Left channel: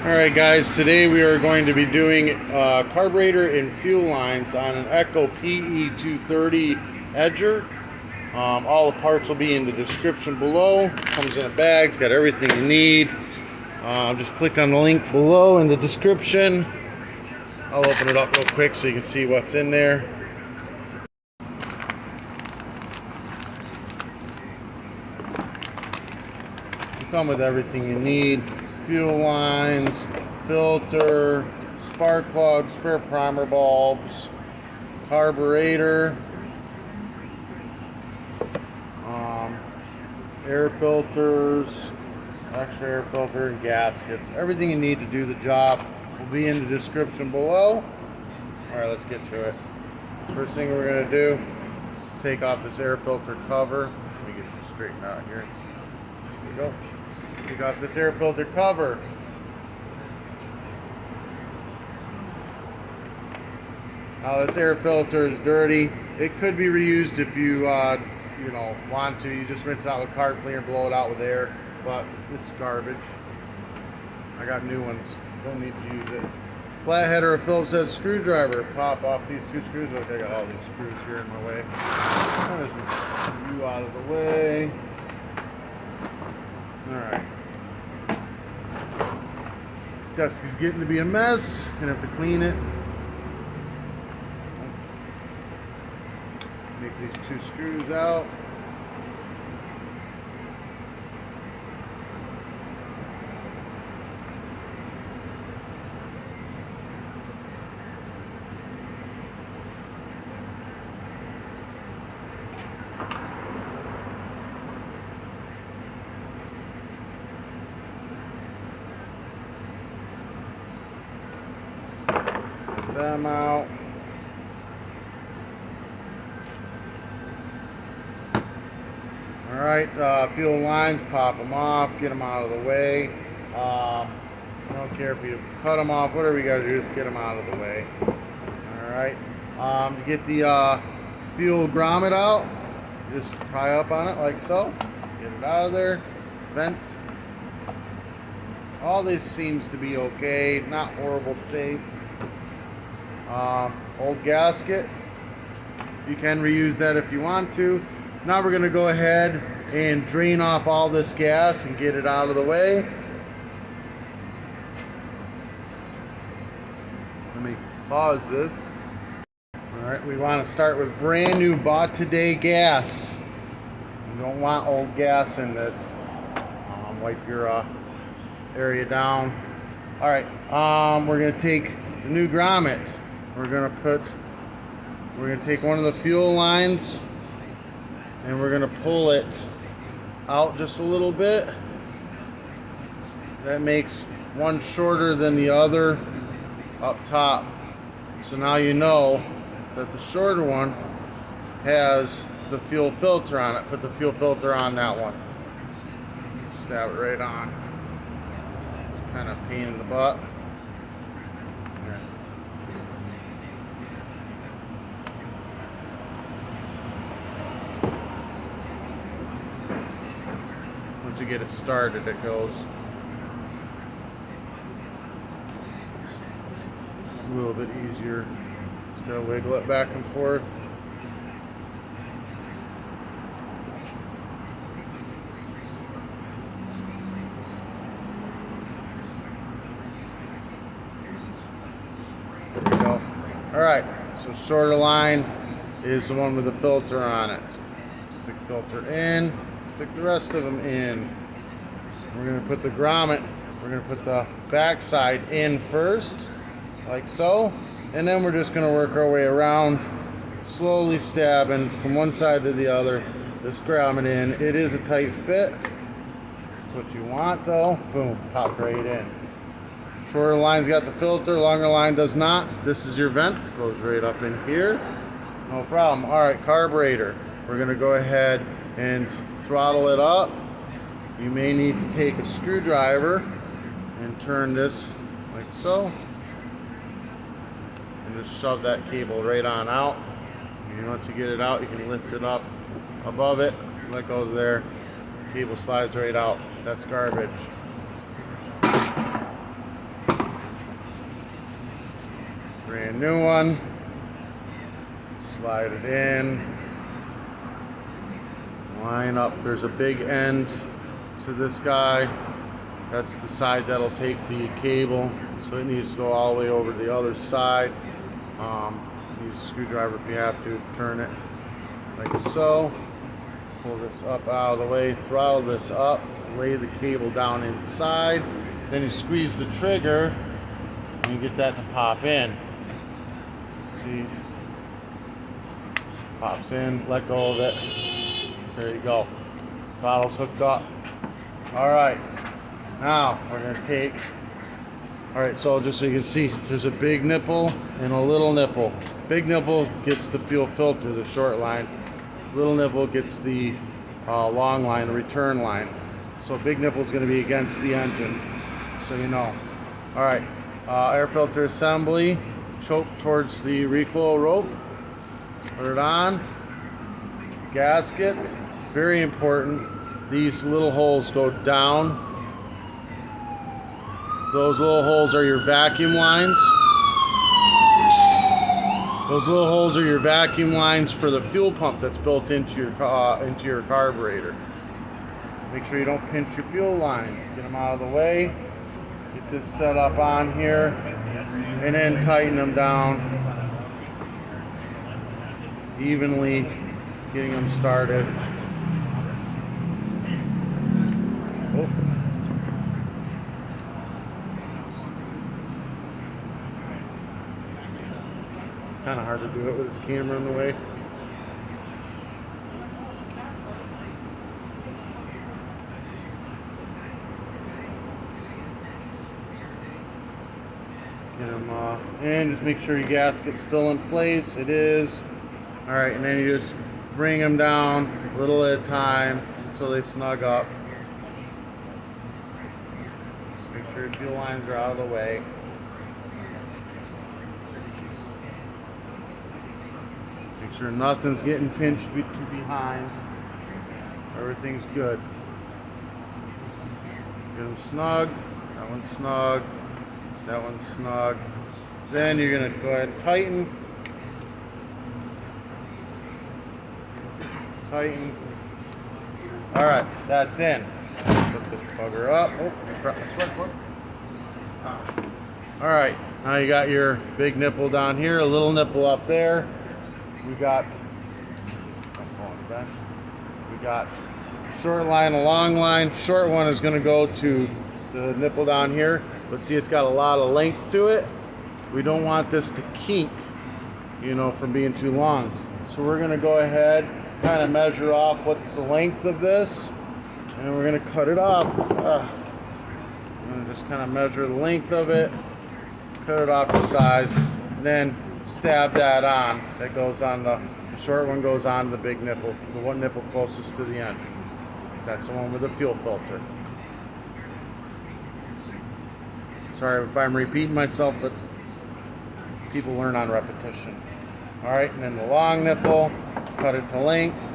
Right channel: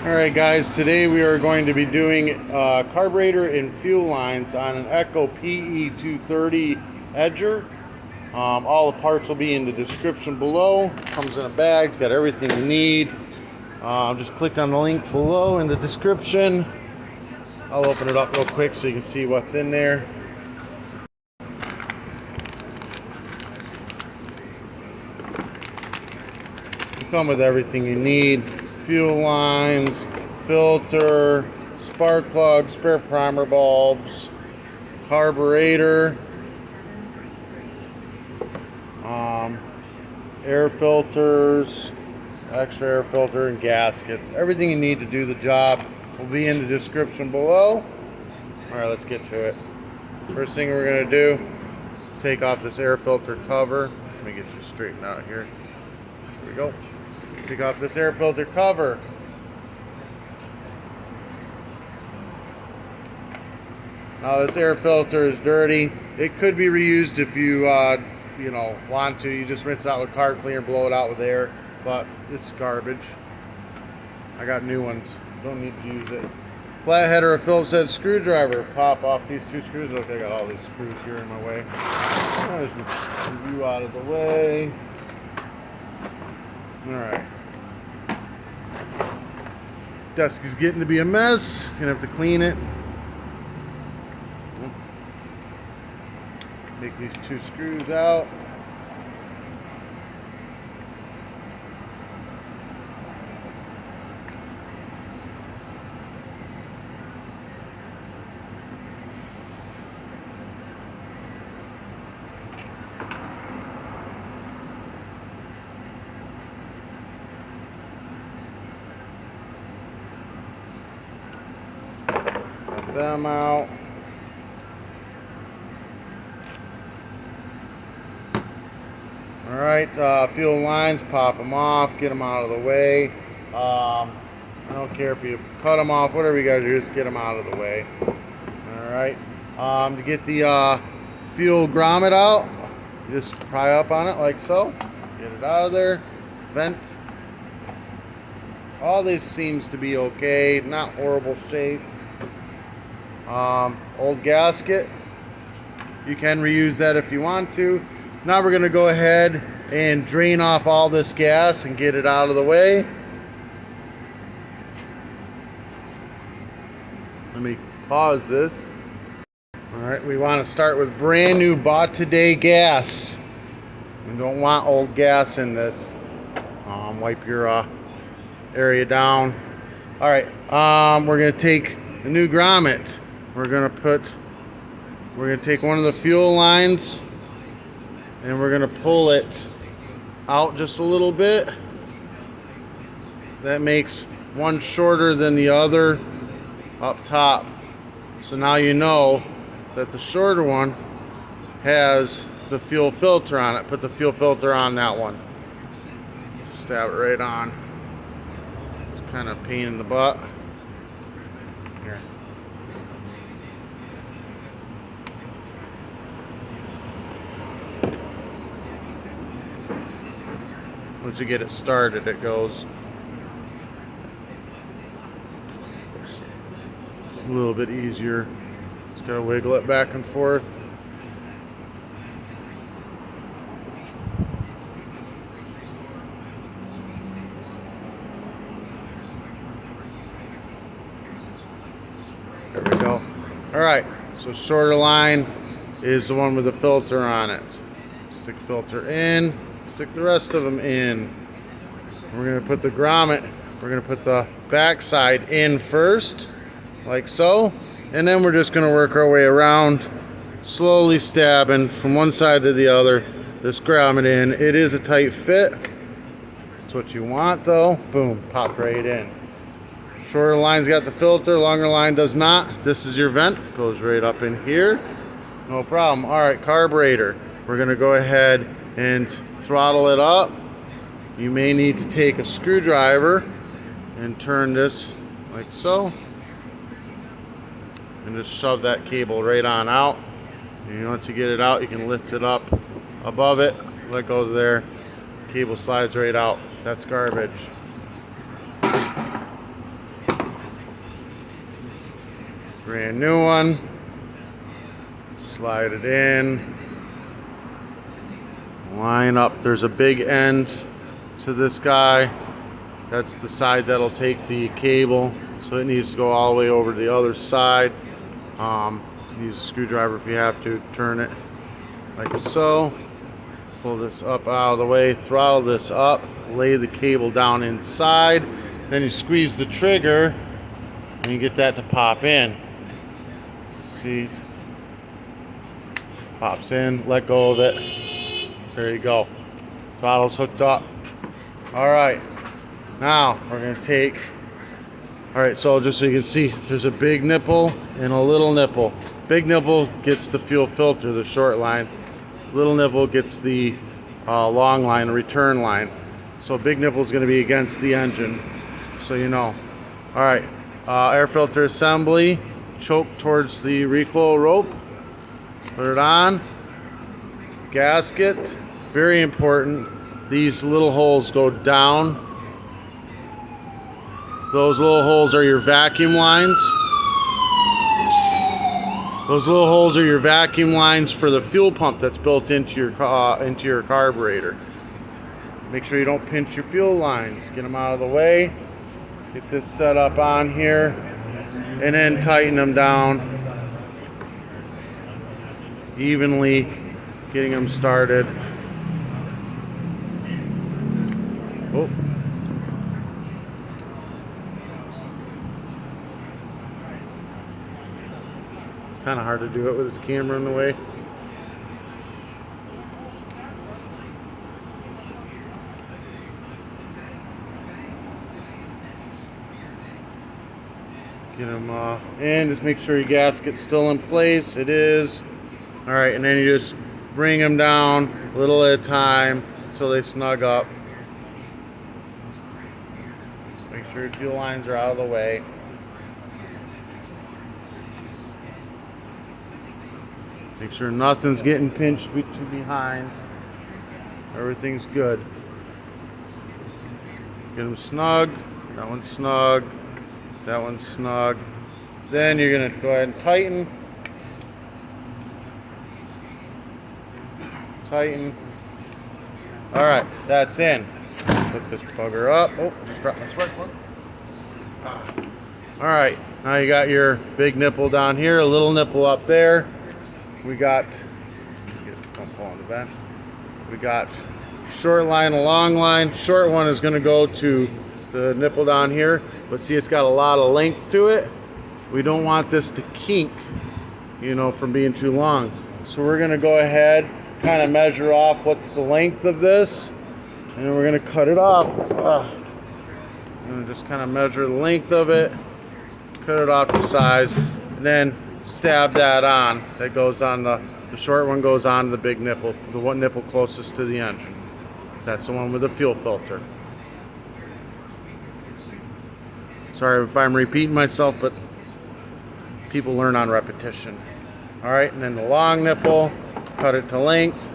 Alright guys, today we are going to be doing carburetor and fuel lines on an Echo PE230 Edger. All the parts will be in the description below. Comes in a bag, it's got everything you need. Just click on the link below in the description. I'll open it up real quick so you can see what's in there. Come with everything you need: fuel lines, filter, spark plug, spare primer bulbs, carburetor, air filters, extra air filter, and gaskets. Everything you need to do the job will be in the description below. Alright, let's get to it. First thing we're going to do is take off this air filter cover. Let me get you straightened out here. Here we go. Take off this air filter cover. Now this air filter is dirty. It could be reused if you want to. You just rinse it out with carb cleaner, blow it out with air, but it's garbage. I got new ones. Don't need to use it. Flathead or a Phillips head screwdriver. Pop off these two screws. Look, I got all these screws here in my way. There's you out of the way. Alright. Desk is getting to be a mess. Gonna have to clean it. Take these two screws out. Take them out. Alright, fuel lines, pop them off, get them out of the way. I don't care if you cut them off, whatever you gotta do, just get them out of the way. Alright, to get the fuel grommet out, just pry up on it like so. Get it out of there, vent. All this seems to be okay, not horrible shape. Old gasket, you can reuse that if you want to. Now we're going to go ahead and drain off all this gas and get it out of the way. Let me pause this. Alright, we want to start with brand new bought today gas. You don't want old gas in this. Wipe your area down. Alright, we're going to take a new grommet. We're going to take one of the fuel lines and we're going to pull it out just a little bit. That makes one shorter than the other up top. So now you know that the shorter one has the fuel filter on it. Put the fuel filter on that one. Stab it right on. It's kind of a pain in the butt. Here. Once you get it started, it goes a little bit easier. Just gotta wiggle it back and forth. There we go. Alright, so shorter line is the one with the filter on it. Stick filter in. Stick the rest of them in. We're going to put the grommet, we're going to put the back side in first, like so, and then we're just going to work our way around, slowly stabbing from one side to the other, this grommet in. It is a tight fit. That's what you want though. Boom, pop right in. Shorter line's got the filter, longer line does not. This is your vent, goes right up in here. No problem. Alright, carburetor. We're going to go ahead and throttle it up. You may need to take a screwdriver and turn this like so and just shove that cable right on out. And once you get it out, you can lift it up above it, let go there, cable slides right out. That's garbage. brand new one. Slide it in. Line up. There's a big end to this guy. That's the side that'll take the cable. So it needs to go all the way over to the other side. Use a screwdriver if you have to. Turn it like so. Pull this up out of the way. Throttle this up. Lay the cable down inside. Then you squeeze the trigger and you get that to pop in. See? Pops in. Let go of it. There you go. Throttle's hooked up. Alright. Now we're going to take... Alright, so just so you can see, there's a big nipple and a little nipple. Big nipple gets the fuel filter, the short line. Little nipple gets the long line, the return line. So big nipple is going to be against the engine, so you know. Alright, air filter assembly. Choke towards the recoil rope. Put it on. Gasket, very important. These little holes go down. Those little holes are your vacuum lines. Those little holes are your vacuum lines for the fuel pump that's built into your carburetor. Make sure you don't pinch your fuel lines. Get them out of the way. Get this set up on here, and then tighten them down evenly, getting them started. Oh. Kind of hard to do it with this camera in the way. Get them in. Just make sure your gasket's still in place. It is. All right, and then you just bring them down a little at a time until they snug up. Make sure your fuel lines are out of the way. Make sure nothing's getting pinched behind. Everything's good. Get them snug. That one's snug. That one's snug. Then you're going to go ahead and tighten. Tighten. Alright, that's in. Put this bugger up. Oh, just dropped my spark plug. Alright, now you got your big nipple down here, a little nipple up there. We got short line, a long line. Short one is going to go to the nipple down here, but see, it's got a lot of length to it. We don't want this to kink, you know, from being too long. So we're going to go ahead, kind of measure off what's the length of this, and we're going to cut it off. And just kind of measure the length of it, cut it off to size, and then stab that on. That goes on the short one goes on the big nipple, the one nipple closest to the engine. That's the one with the fuel filter. Sorry if I'm repeating myself, but people learn on repetition. All right, and then the long nipple, cut it to length.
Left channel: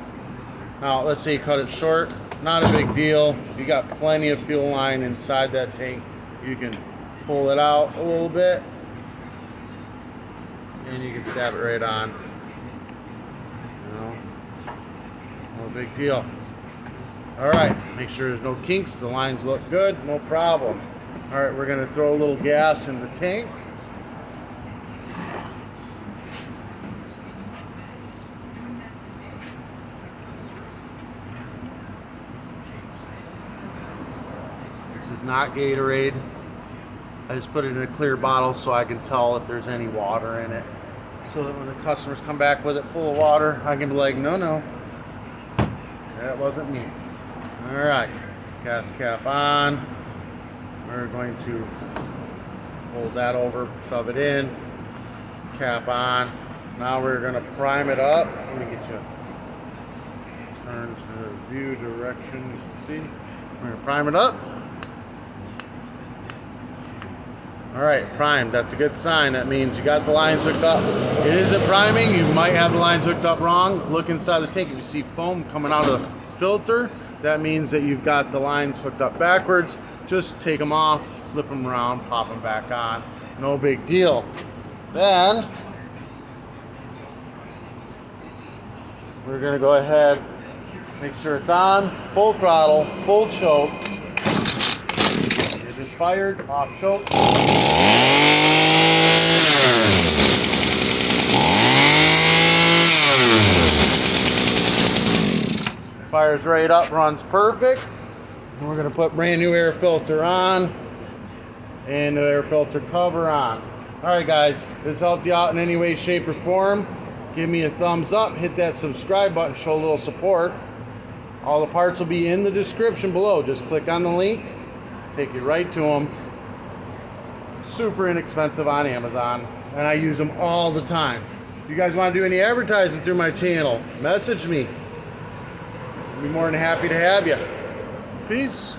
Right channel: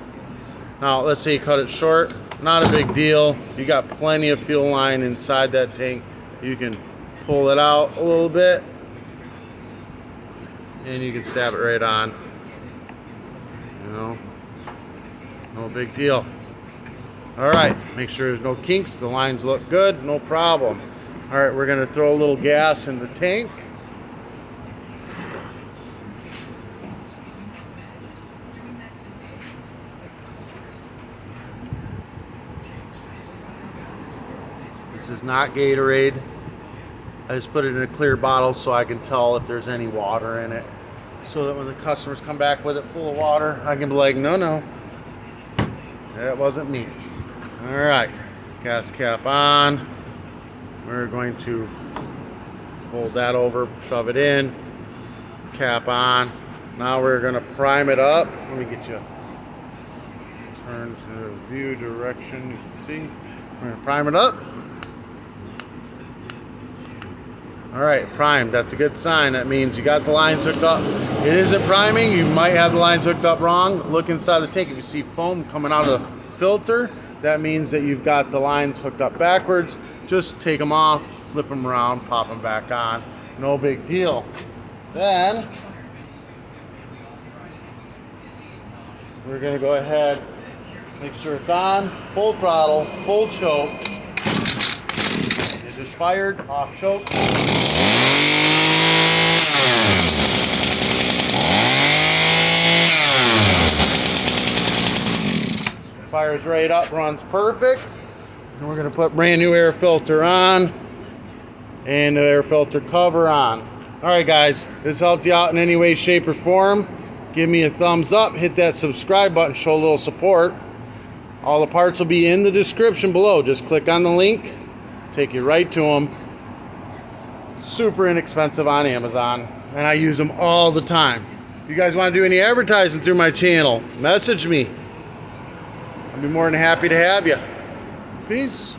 Now let's say you cut it short, not a big deal. You got plenty of fuel line inside that tank. You can pull it out a little bit, and you can stab it right on. You know, no big deal. All right, make sure there's no kinks. The lines look good, no problem. All right, we're going to throw a little gas in the tank. This is not Gatorade. I just put it in a clear bottle so I can tell if there's any water in it. So that when the customers come back with it full of water, I can be like, no, that wasn't me. All right, gas cap on. We're going to fold that over, shove it in, cap on. Now we're going to prime it up. Let me get you turn to view direction. You can see. We're going to prime it up. All right, primed. That's a good sign. That means you got the lines hooked up. It isn't priming. You might have the lines hooked up wrong. Look inside the tank. If you see foam coming out of the filter, that means that you've got the lines hooked up backwards. Just take them off, flip them around, pop them back on. No big deal. Then we're going to go ahead, make sure it's on, full throttle, full choke. It just fired, off choke. Fires right up, runs perfect. And we're going to put brand new air filter on and the air filter cover on. All right, guys, this helped you out in any way, shape, or form. Give me a thumbs up, hit that subscribe button, show a little support. All the parts will be in the description below. Just click on the link, take you right to them. Super inexpensive on Amazon, and I use them all the time. If you guys want to do any advertising through my channel, message me. I'll be more than happy to have you. Peace.